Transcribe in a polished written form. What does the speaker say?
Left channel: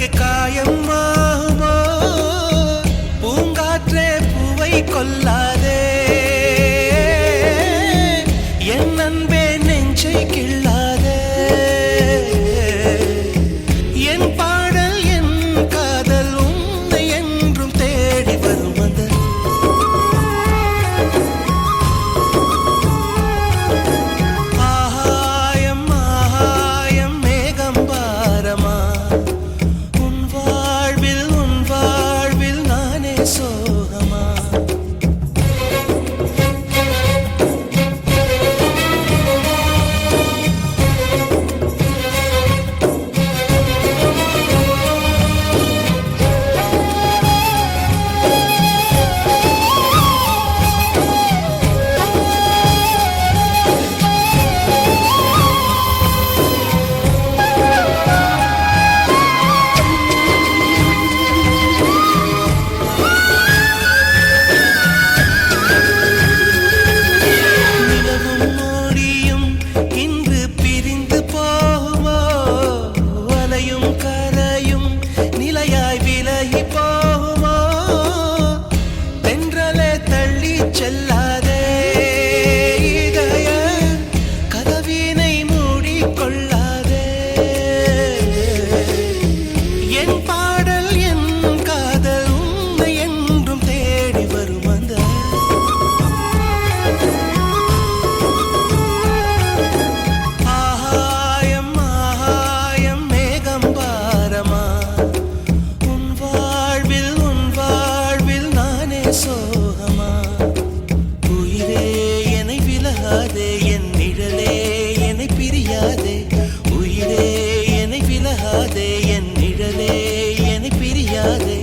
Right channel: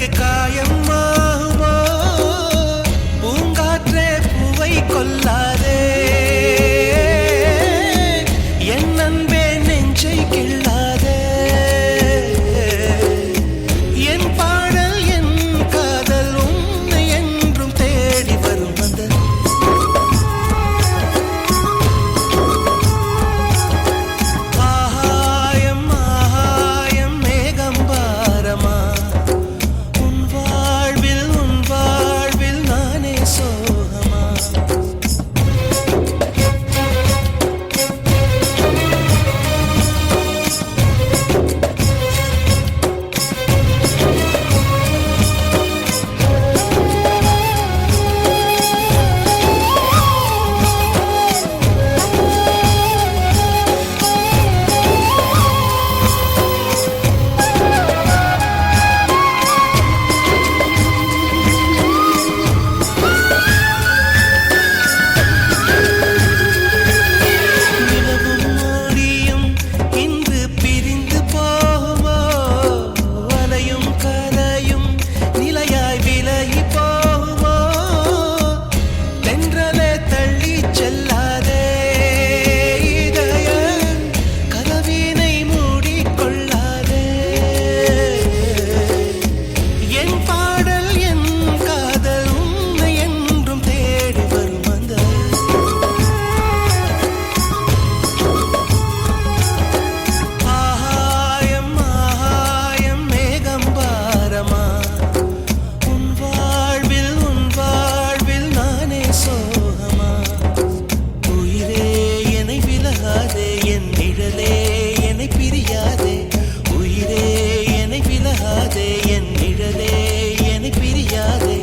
எனக்கு காயமாகுமோ பூங்காற்றே பூவை கொல்லாதே என் அன்பே நெஞ்சை கிள்ளாதே என் பாடல் என் காதல் உன்னை என்றும் தேடி வரும் அந்த ஆகாயம் ஆகாயம் மேகம் பாரமா உன் வாழ்வில் நானே சோகமா கரையும் நிலையாய் விலகி போகுமோ தென்றலே தள்ளி செல்லாதே இதய கதவினை மூடிக்கொள்ளாதே என் பாடல் என் காதல் உன்னை என்றும் தேடி வரும் அந்த உன் வாழ்வில் நானே சோகமா உயிரே என்னை விலகாதே என் நிழலே என்னை பிரியாதே உயிரே என்னை விலகாதே என் நிழலே என்னை பிரியாதே